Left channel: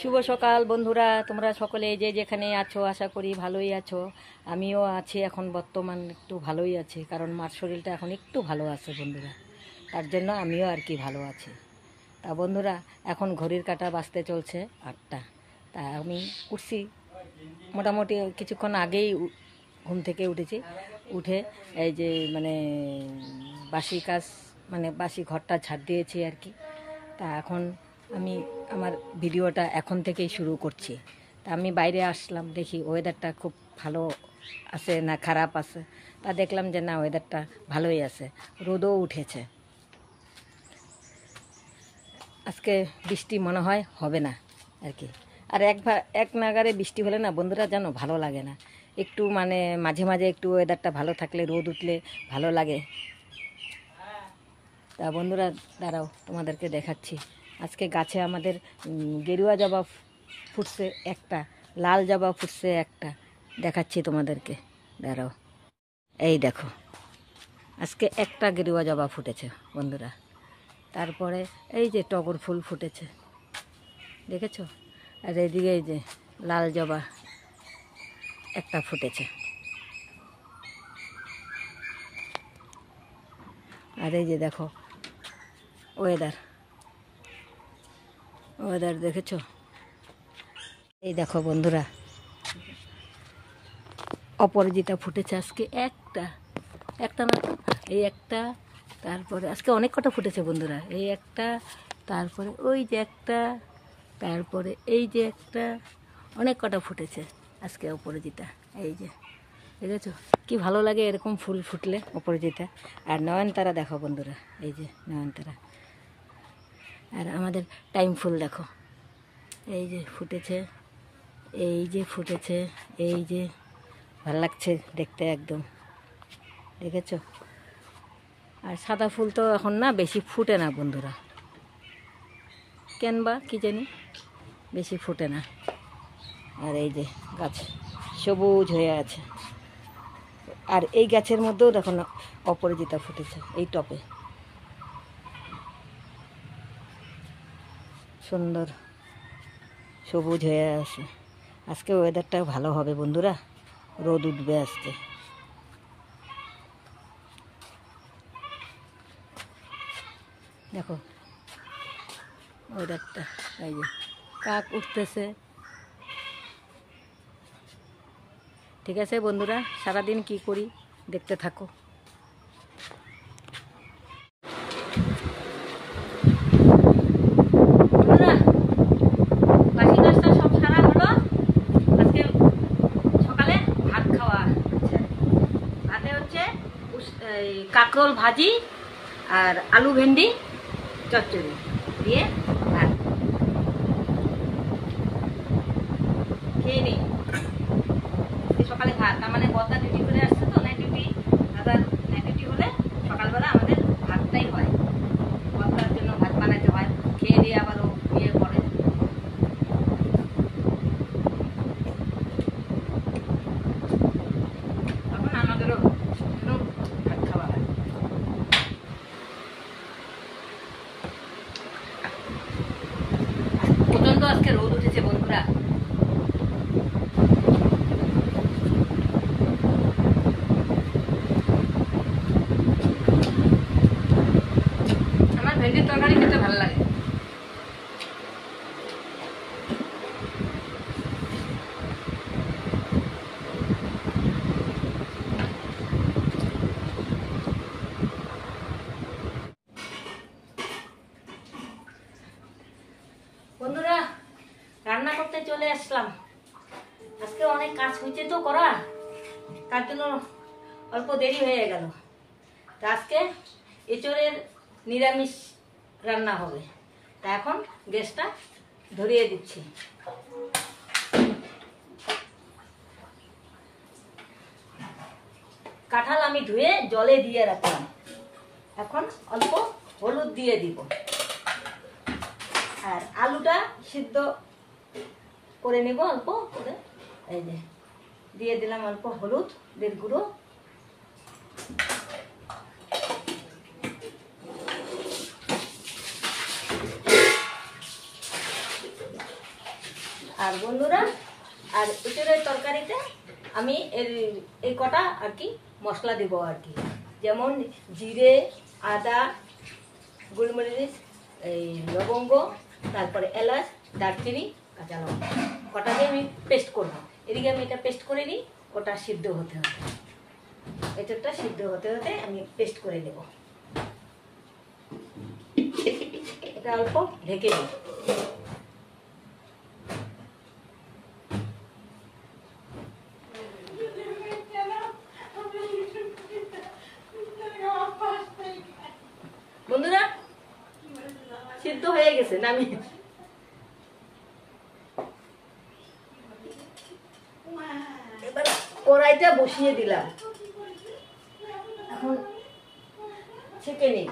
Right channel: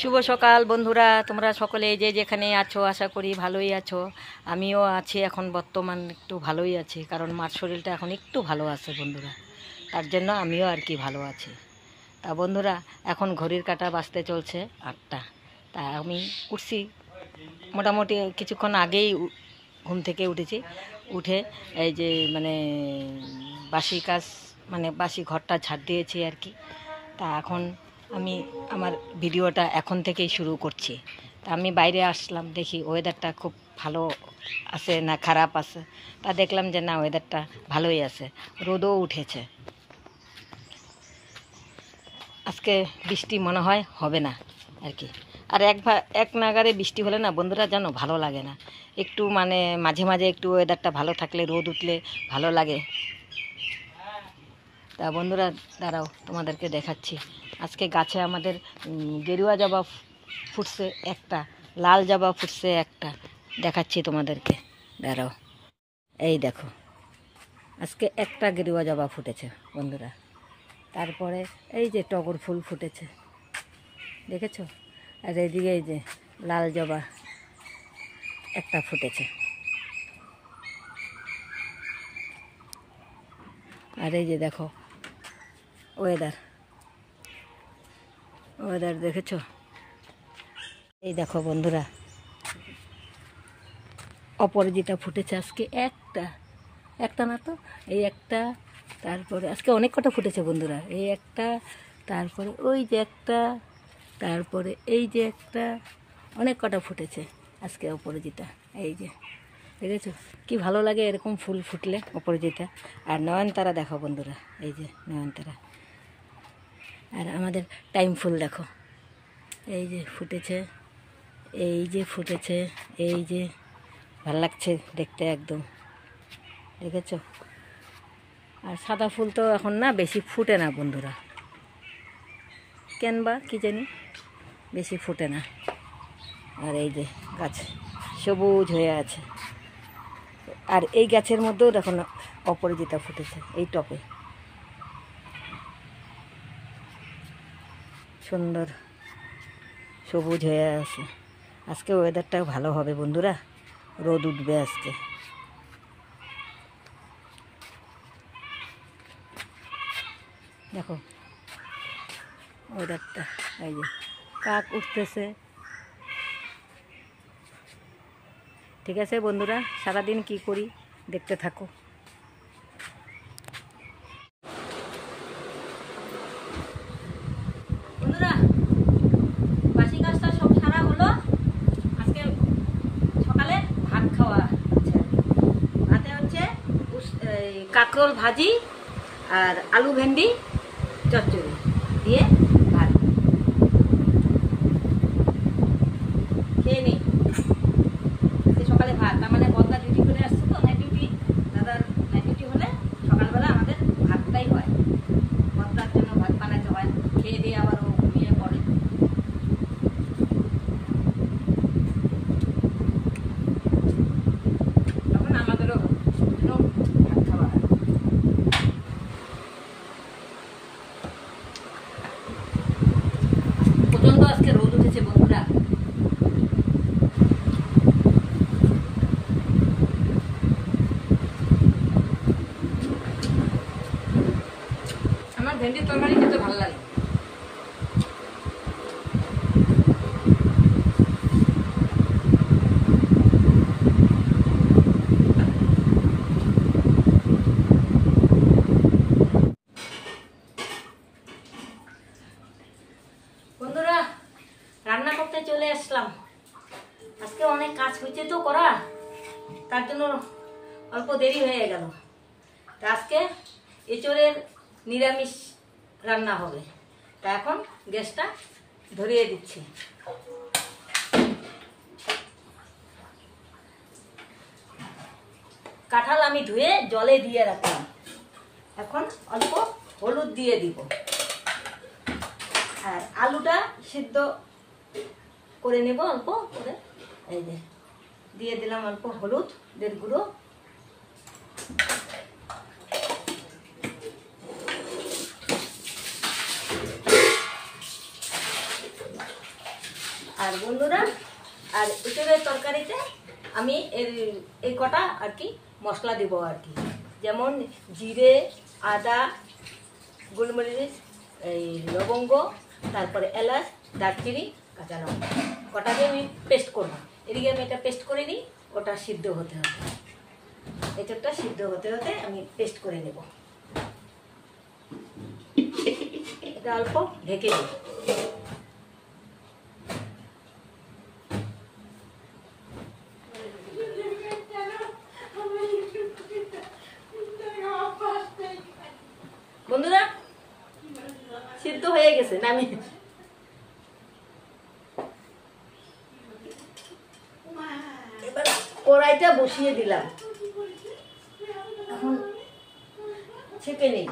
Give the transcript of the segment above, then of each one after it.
শুভ সকাল বন্ধুরা, তোমরা সকলে যে যেখানে আছো আশা করি ভালোই আছো। আমিও আছি এখন বর্তমান একটু ভালোই আছি, কারণ মার শরীরটা এখন একটু ভালো আছে বন্ধুরা, তার জন্য আমিও আর কি ভালো আছি। তা বন্ধুরা, এখন ঘড়ির কাঁটা বাজতে চলছে 8টা। তা আমি উঠছি মোটামুটি কিছুক্ষণ আগেই, ঘুম থেকে উঠেছি। উঠে এই যে বাসি কাজ বাসি ঘরটা ঝাড় দিয়েছি আর কি। তা এখন আমি আমার ভিডিওটা এখন থেকেই শুরু করছি। তা আমি বাইরে আসলাম, দেখি ওয়েদারটা খুব ভালো আছে না খারাপ আছে। তা দেখলাম যে না, ওয়েদারটা ভালোই আছে, রোদও উঠেছে। আজকে বৃষ্টি মনে হয় হবে না আর কি। আর এক নাগারে বৃষ্টি হলে না বন্ধুরা জানো ভালো লাগে না। একটু মাঝে মাঝে একটু ওয়েদারটা ভালো থাকলে, রোদ উঠলে ভালো লাগে। তা বন্ধুরা দাঁড়াও, তোমাদেরকে দেখাচ্ছি। আজকে গাছে আমাদের গেরুয়া জবা ফুটছে একটা, লাল জবা ফুটছে একটা, দেখাচ্ছি তোমাদেরকে, দাঁড়াও। এই দেখো, আজকে একটা গেরুয়া জবা ফুটেছে বন্ধুরা। তারপরে এই যে টগর ফুল ফুটেছে, দেখেছো? আর এইদিকে এই যে লাল জবা একটা ফুটেছে। আর এই যে দেখো ওয়েদার দেখেছো? এই দেখো বন্ধুরা, অপরাজিতা ফুটেছে আজকে একটা না তো, এই একটা। তারপরে আজকে অনেক কটা ফুটেছে বন্ধুরা, এই একটা, তারপরে ওই যে একটা, তারপরে এই যে একটা, অনেক কটা ফুটেছে আজকে অপরাজিতা। এই যে দেখেছো কি ভালো লাগে এরকম ফুল ফুটলে, অপরাজিতা। আর নয়নতারা দেখো বন্ধুরা, এই যে নয়নতারা। আর আমাদের টাইম ফুল দেখো, এই যে ফুটেছে, এই যে ফুটেছে, এই যে ভাল লাগছে দেখতে একদম, দেখেছো? আর সাদা ফুল তো এখন না বেশি ফুটে না বন্ধুরা, কেন বা কি জানি বেশি ফুটে না। আর এই যে গাছ সবুজ হয়ে আছে। আর এই গাছের মধ্যেও দেখো না অপরাজিতা ফুটেছে, এই টপে সুন্দর সবুজ হয়ে আছে। আজকে ওয়েদারটা ভালো হবে বন্ধুরা, রোদ উঠবে আজকে। দেখো ওয়েদারটা, এই যে কাক উঠতেছে। ঠিক আছে বন্ধুরা, সারাদিন কি করি দেখতে থাকো। বন্ধুরা, বাসি কাজটা সব সারা হলো। আজকে সকালে ভাত খাওয়া হচ্ছে। ভাতে হচ্ছে কাঁকরোল ভাজি আর আলু ভেন্ডি চচ্চড়ি দিয়ে ভাত খেয়ে নিই। সকালে ভাত, তার মানে বলদা ডিউটি করে আসছে তো, নাইট ডিউটি। দাদার নাইট ডিউটি হলে সকালবেলা আমাদের ভাতটাই হয়, বলদার জন্য ভাত বানাইতে হয়। খেয়ে দিয়ে আবার ও ঘুমিয়ে পড়ে। তখন আমাদেরও ভাত খাওয়া লাগে। প্রচন্ড আজকে রোদ উঠেছে বন্ধুরা। আমার ভেন্ডির তরকারি খেতে ভালো লাগে। বন্ধুরা, রান্না করতে চলে আসলাম। আজকে অনেক কাজ হয়েছে তো করা, তার জন্য অল্প দেরি হয়ে গেল। তা আজকে এঁচোড়ের নিরামিষ রান্না হবে। তা এখন গ্যাসটা ধরিয়ে দিচ্ছি। কাঁঠাল আমি ধুয়ে জলে দিয়ে রাখলাম, এখন অল্প হলুদ দিয়ে দিব। আর আলুটা সিদ্ধ করে নেব অল্প করে। এই যে দিয়ে দিলাম অল্প হলুদের গুঁড়ো। আর বন্ধুরা, আর এটার তরকারিতে আমি এই কটা আর কি মশলা দেব আর কি, যেমন জিরে, আদা, গোলমরিচ, এই লবঙ্গ, তারপরে এলাচ, দারচিনি, কাঁচা লঙ্কা কটা দিয়ে আমি পেস্ট করবো। এদিকে আমি এটা পেস্ট করে নিই, ওটা সিদ্ধ হতে হতে, এটারটা সিদ্ধ হতে হতে আমি পেস্ট করে নেব। এটা অল্প ঢেকে দিই। বন্ধুরা, সিদ্ধ হয়ে গেছে, নামি এবার কড়াইটা বসিয়ে দিলাম, এখন ছেঁকে নিই।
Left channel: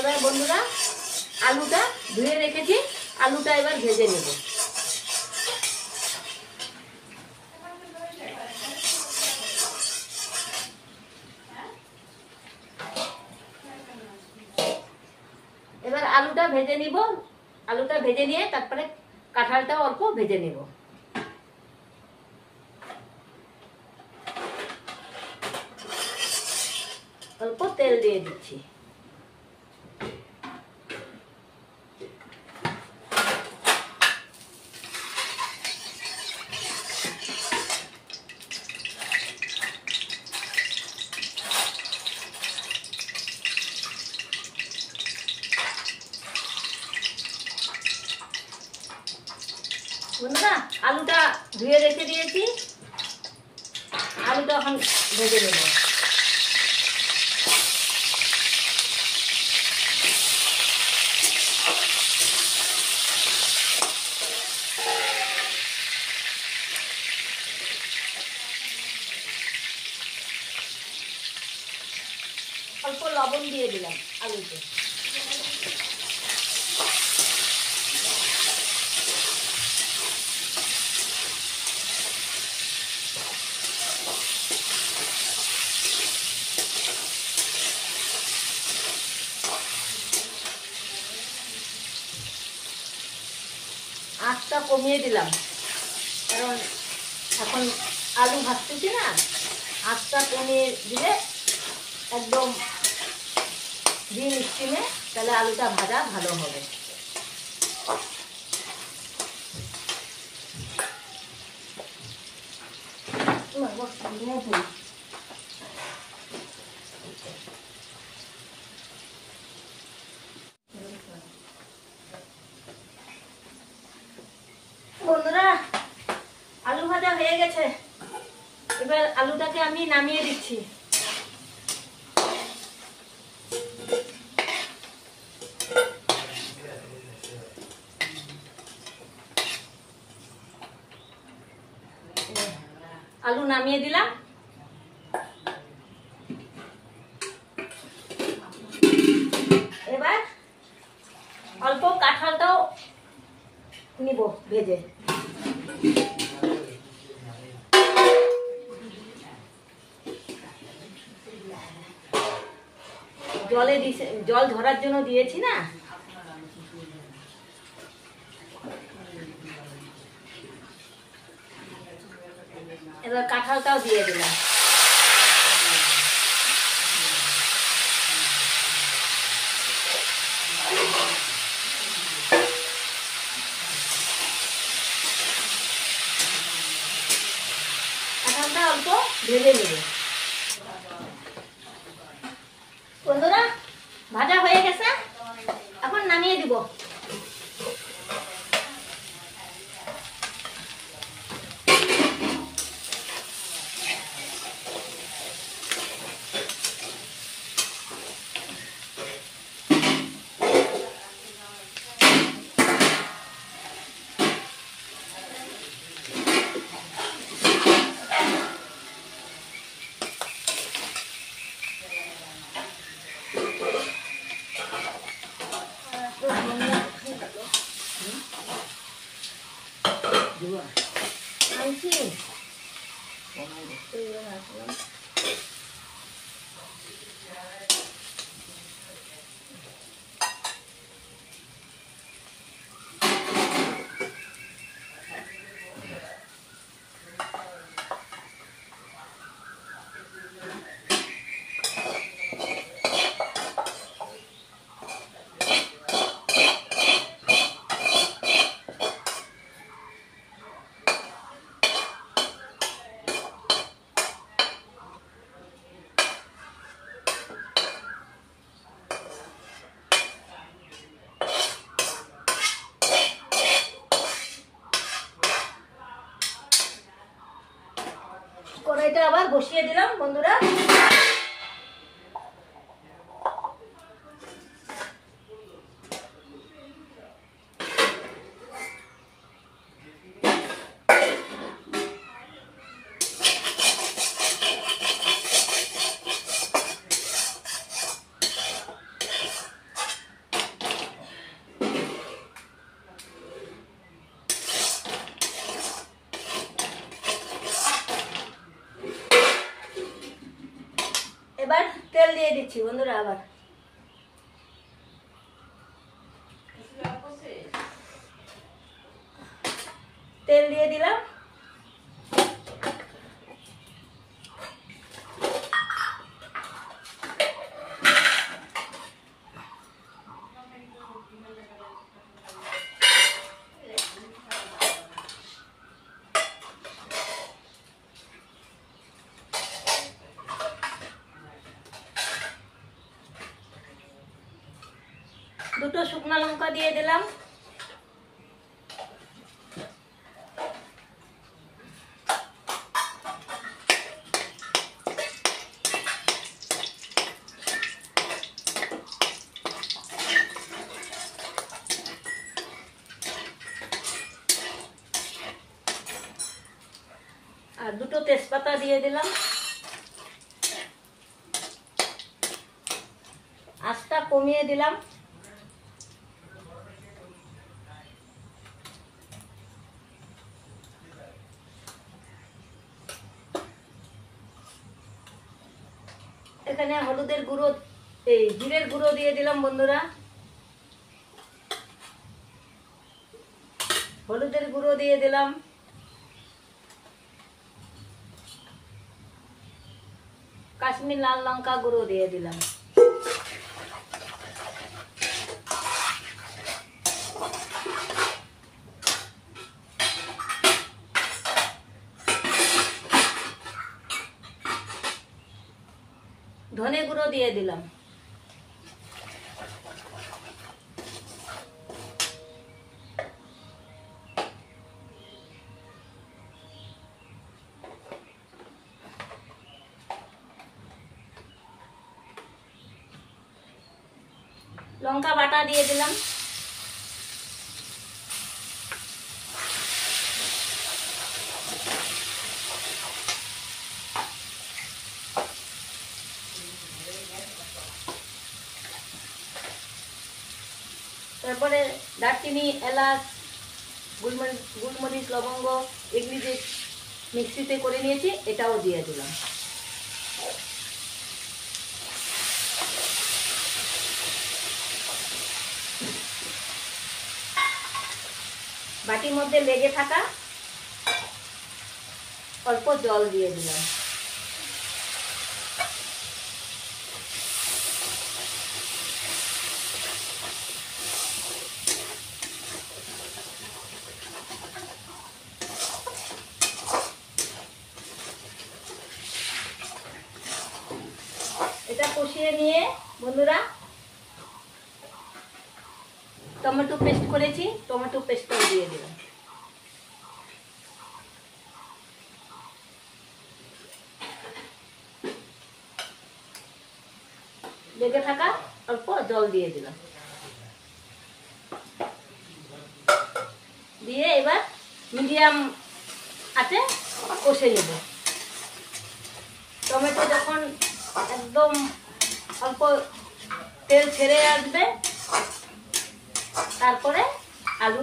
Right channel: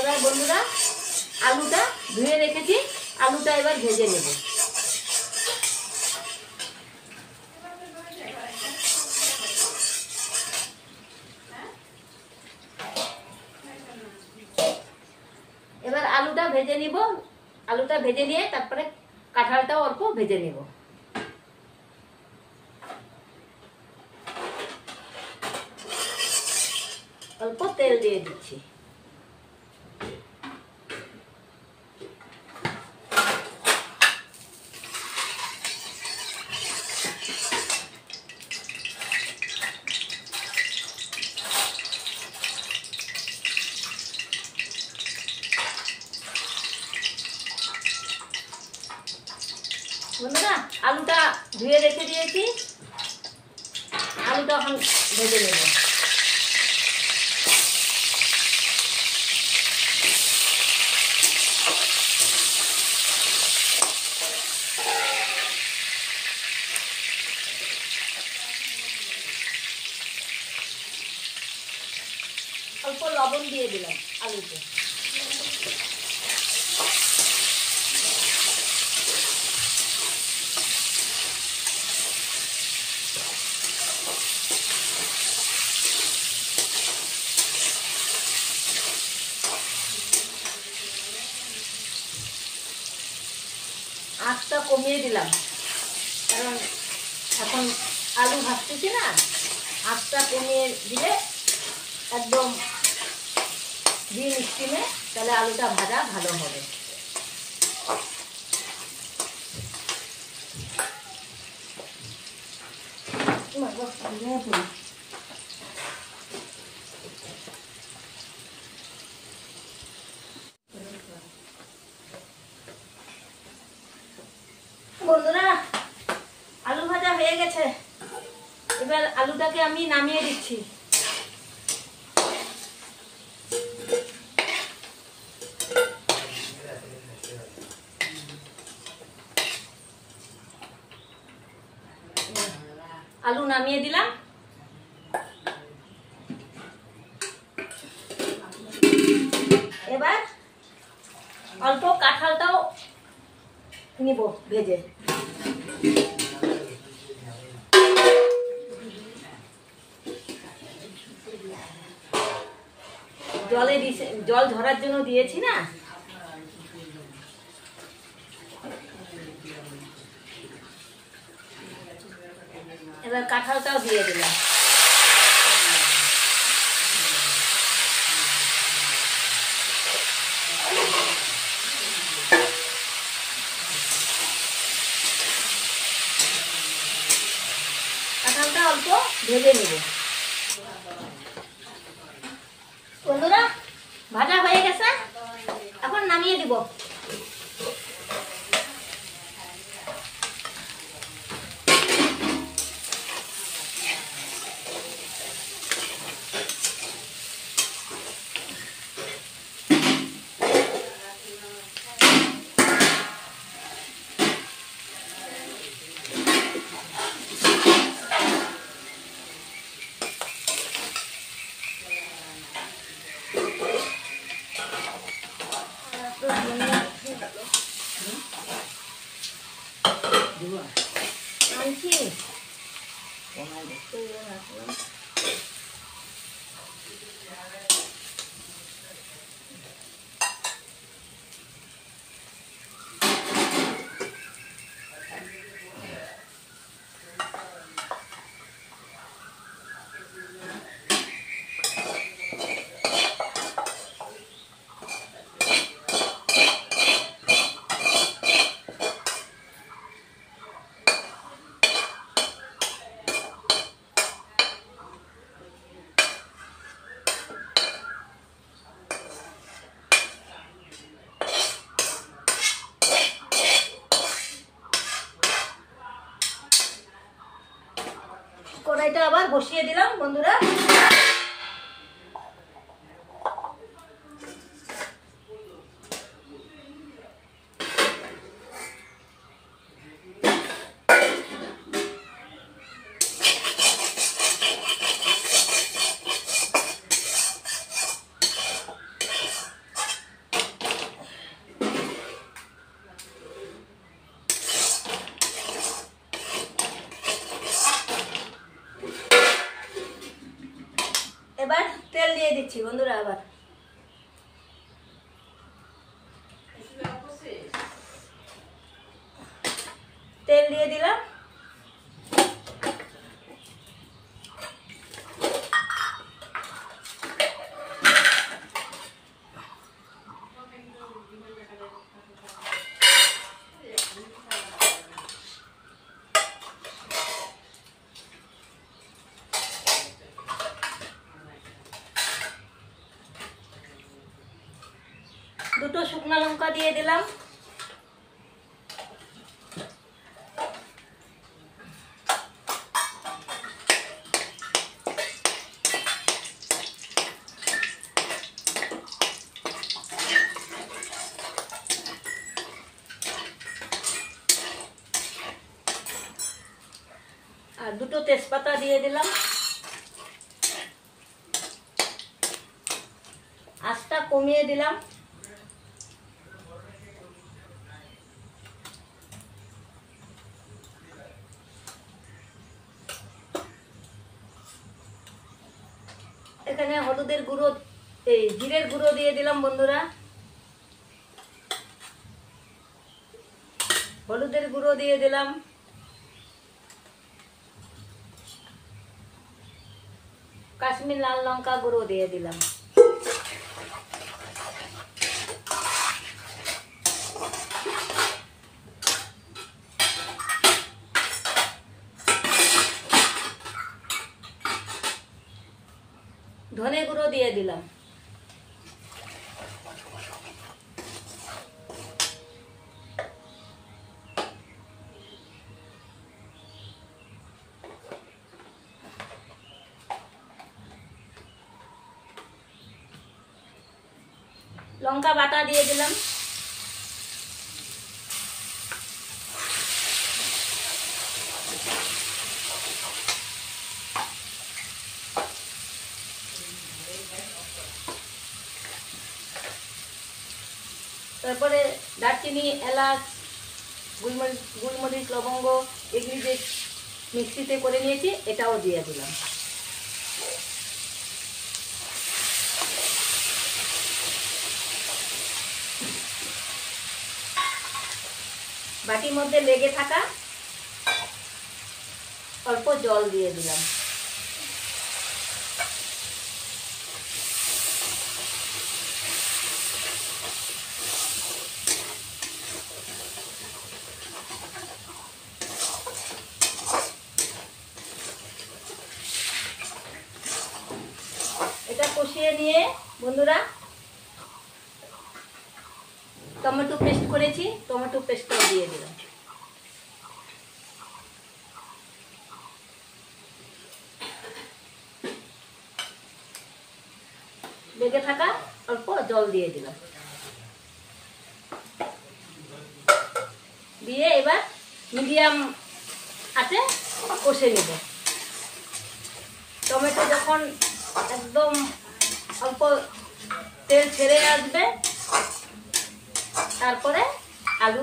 এবার বন্ধুরা, আলুটা ধুয়ে রেখেছি, আলুটা এবার ভেজে নেব। এবার আলুটা ভেজে নিব, আলুটা ভেজে নিয়ে তারপরে কাঁঠালটাও অল্প ভেজে নেব। অল্প তেল দিয়ে দিচ্ছি। বন্ধুরা, আলুটা ধুয়ে রেখে দিয়েছি, আলুটা এখন ভেজে নেব। অল্প লবণ দিয়ে দিলাম আলুতে। আঁচটা কমিয়ে দিলাম, কারণ এখন আলু ভাজতেছি না, আঁচটা কমিয়ে দিলে একদম ডিম স্টিমে, তাহলে আলুটা ভাজা ভালো হবে। বন্ধুরা, আলু ভাজা হয়ে গেছে, এবার আলুটাকে আমি নামিয়ে দিচ্ছি। আলু নামিয়ে দিলাম। এবার অল্প কাঁঠালটাও নিব ভেজে। জল ঝরার জন্য দিয়েছি না, এবার কাঁঠালটাও দিয়ে দিলাম। কাঁঠালটা অল্প ভেজে নেব। বন্ধুরা, ভাজা হয়ে গেছে, এখন নামিয়ে দিব। কড়াইটা আবার বসিয়ে দিলাম বন্ধুরা। এবার তেল দিয়ে দিচ্ছি বন্ধুরা। আবার তেল দিয়ে দিলাম। দুটো শুকনো লঙ্কা দিয়ে দিলাম। আর দুটো তেজপাতা দিয়ে দিলাম। আঁচটা কমিয়ে দিলাম। এখানে হলুদের গুঁড়ো, এই জিরের গুঁড়ো দিয়ে দিলাম বন্ধুরা। হলুদের গুঁড়ো দিয়ে দিলাম। কাশ্মীর লাল লঙ্কা গুঁড়ো দিয়ে দিলাম। ধনে গুঁড়ো দিয়ে দিলাম। লঙ্কা বাটা দিয়ে দিলাম। তারপরে দারচিনি, এলাচ, গুলমরিচ, লবঙ্গ এগুলি যে মিক্সিতে করে নিয়েছি এটাও দিয়ে দিলাম। বাটির মধ্যে লেগে থাকা অল্প জল দিয়ে দিলাম। এটা কষিয়ে নিয়ে বন্ধুরা টমেটো পেস্ট করেছি, টমেটো পেস্টটাও দিয়ে দিলাম। লেগে থাকা অল্প জল দিয়ে দিলাম। দিয়ে এবার মিডিয়াম আঁচে কষে নেব। টমেটো যখন একদম অল্প তেল ছেড়ে আসবে তারপরে আলু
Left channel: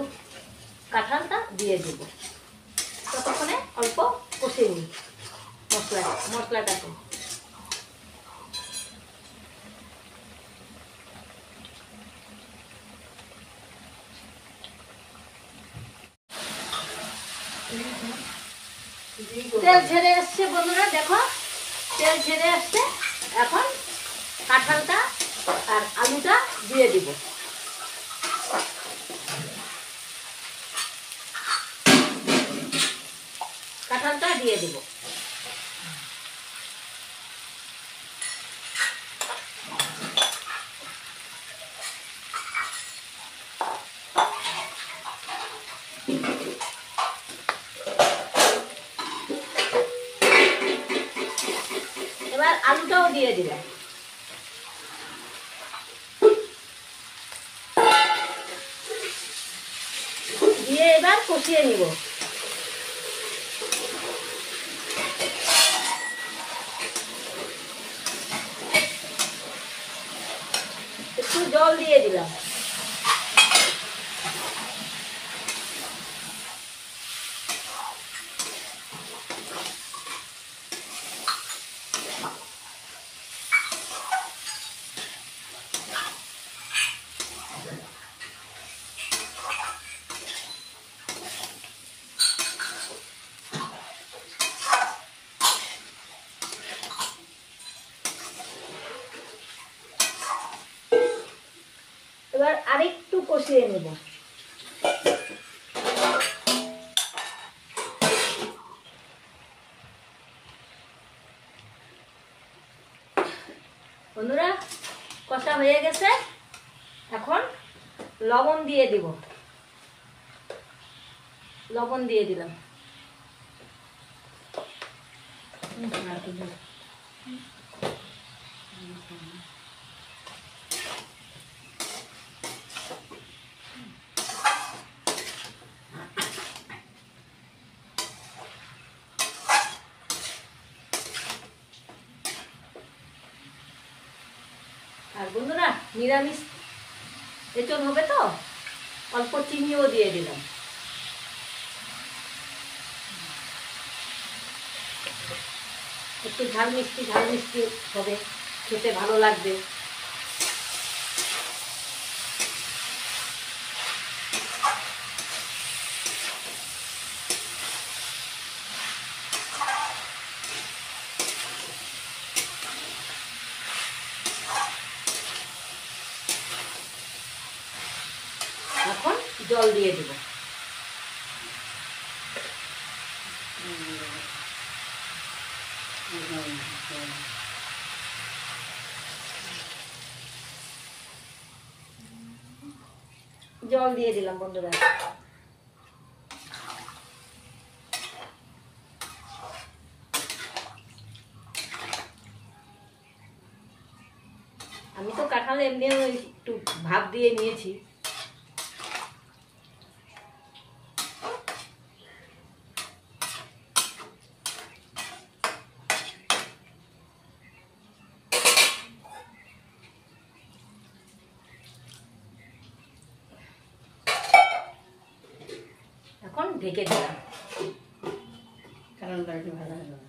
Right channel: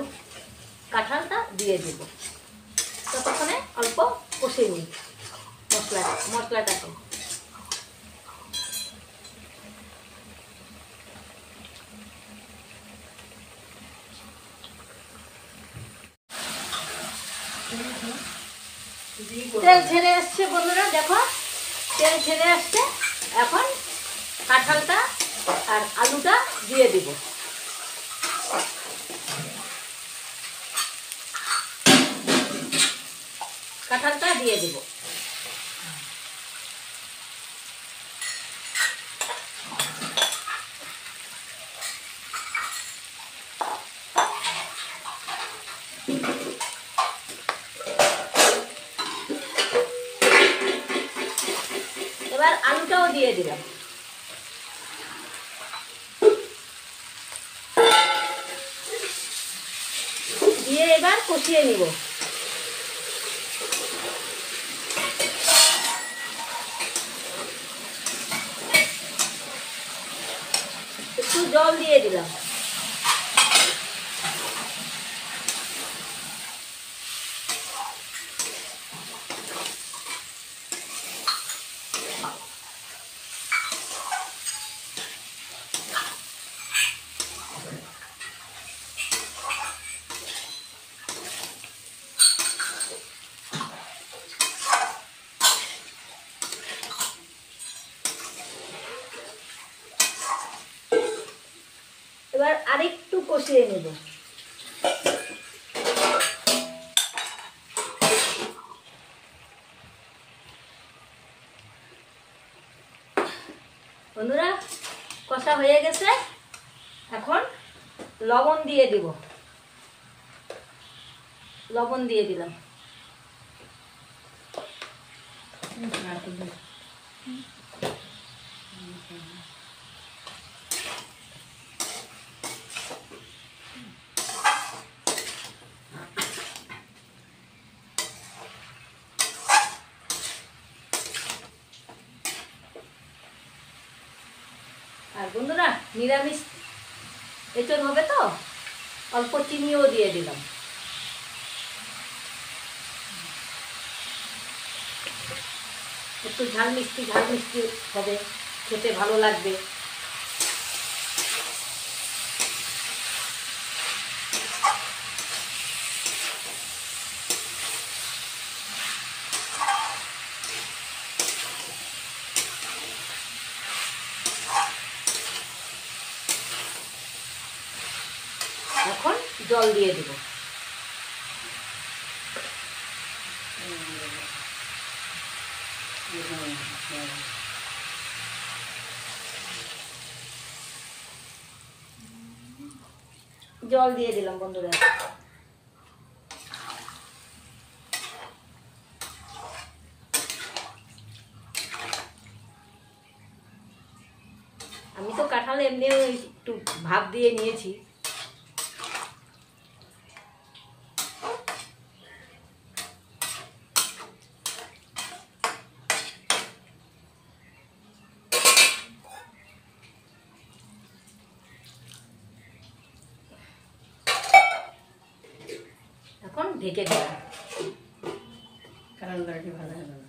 কাঁঠালটা দিয়ে দেব। ততক্ষণে অল্প কষে নিই মশলাটাকে। তেল ছেড়ে আসছে বন্ধুরা, দেখো তেল ছেড়ে আসছে। এখন কাঁঠালটা আর আলুটা দিয়ে দিব। কাঁঠালটা দিয়ে দিব। আলুটাও দিয়ে দিলাম। দিয়ে এবার কষিয়ে নিব। একটু জল দিয়ে দিলাম। এবার আরেকটু কষিয়ে নেব। বন্ধুরা কষা হয়ে গেছে, এখন লবণ দিয়ে দিব। লবণ দিয়ে দিলাম। আর বন্ধুরা নিরামিষ এঁচড় হবে তো অল্প চিনিও দিয়ে দিলাম। একটু ঝাল মিষ্টি হবে, খেতে ভালো লাগবে। এখন জল দিয়ে দেব। জল দিয়ে দিলাম বন্ধুরা। আমি তো কাঁঠাল এমনিও একটু ভাপ দিয়ে নিয়েছি। এখন ঢেকে দিলাম। কারণ গাড়ি ভালো হলো না।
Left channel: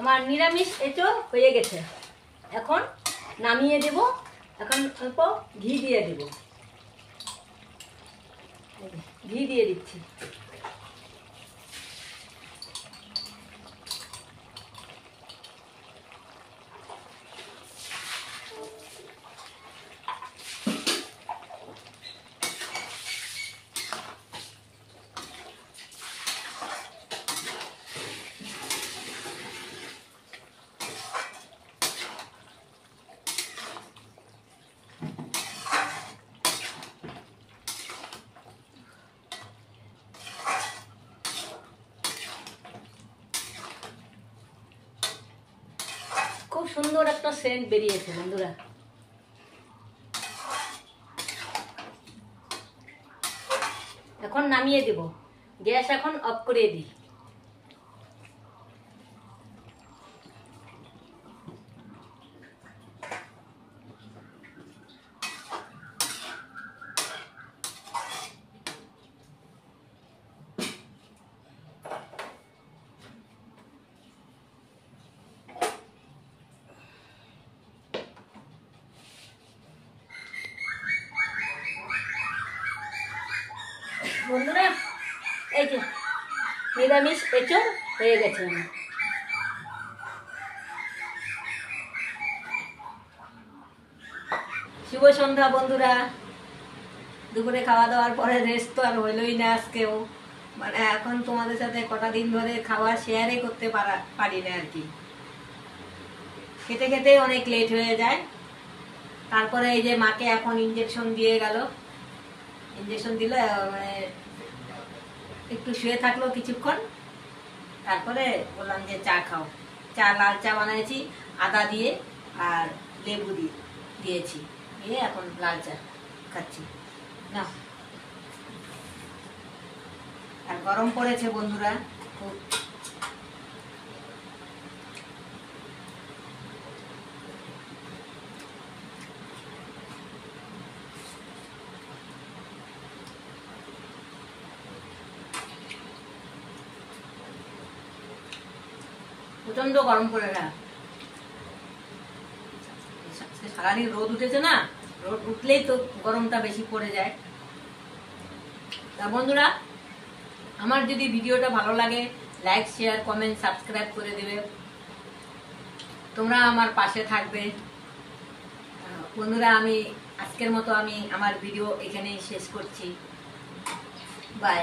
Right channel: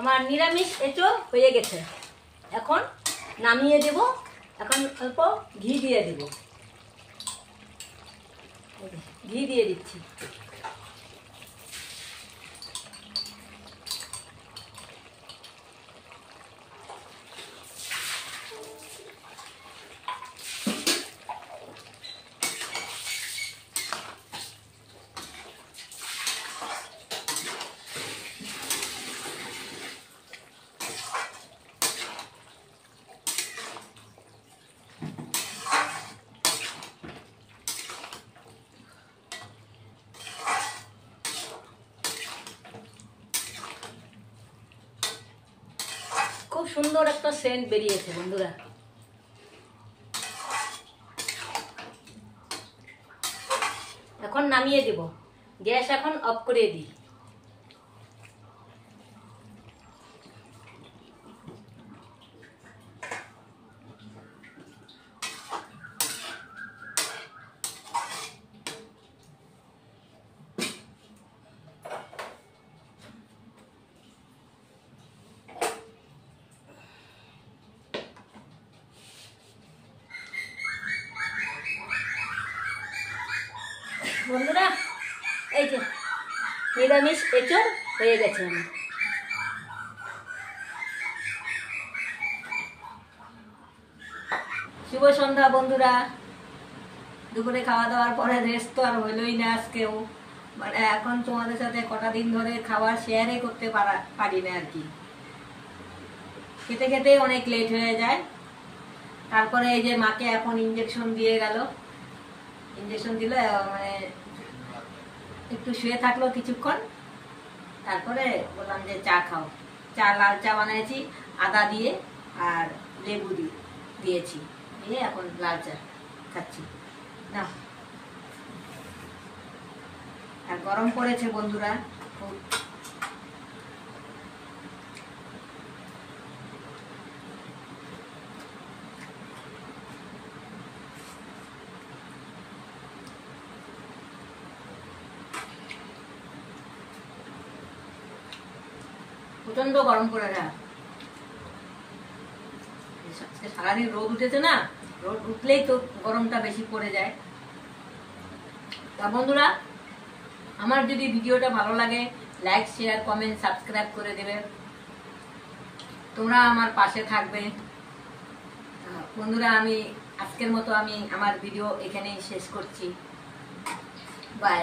আমার নিরামিষ এঁচড় হয়ে গেছে, এখন নামিয়ে দেব। এখন অল্প ঘি দিয়ে দেব। ঘি দিয়ে দিচ্ছি। খুব সুন্দর একটা সেন্ট বেরিয়েছে বন্ধুরা। এখন নামিয়ে দেব। গ্যাস এখন অফ করে দিই। বন্ধুরা এই যে নিরামিষ এঁচড় হয়ে গেছে আমার। শুভ সন্ধ্যা বন্ধুরা। দুপুরে খাওয়া দাওয়ার পরে রেস্ট তো আর হইলই না আজকেও। মানে এখন তোমাদের সাথে কটা দিন ধরে খাওয়া শেয়ারই করতে পারি না আর কি, খেতে খেতে অনেক লেট হয়ে যায়। তারপরে এই যে মাকে এখন ইঞ্জেকশন দিয়ে গেল, ইঞ্জেকশন দিলে একটু শুয়ে থাকলো কিছুক্ষণ, তারপরে বললাম যে চা খাও। চা, লাল চা বানাইছি আদা দিয়ে আর লেবু দিয়েছি, দিয়ে এখন লাল চা খাচ্ছি না। আর গরম পড়েছে বন্ধুরা খুব। প্রচন্ড গরম পড়ে না, সারাদিন রোদ উঠেছে না, রোদ উঠলেই তো গরমটা বেশি পড়ে যায়। তা বন্ধুরা, আমার যদি ভিডিওটা ভালো লাগে লাইক, শেয়ার, কমেন্ট, সাবস্ক্রাইব করে দেবে, তোমরা আমার পাশে থাকবে। বন্ধুরা, আমি আজকের মতো আমি আমার ভিডিও এখানেই শেষ করছি। বাই।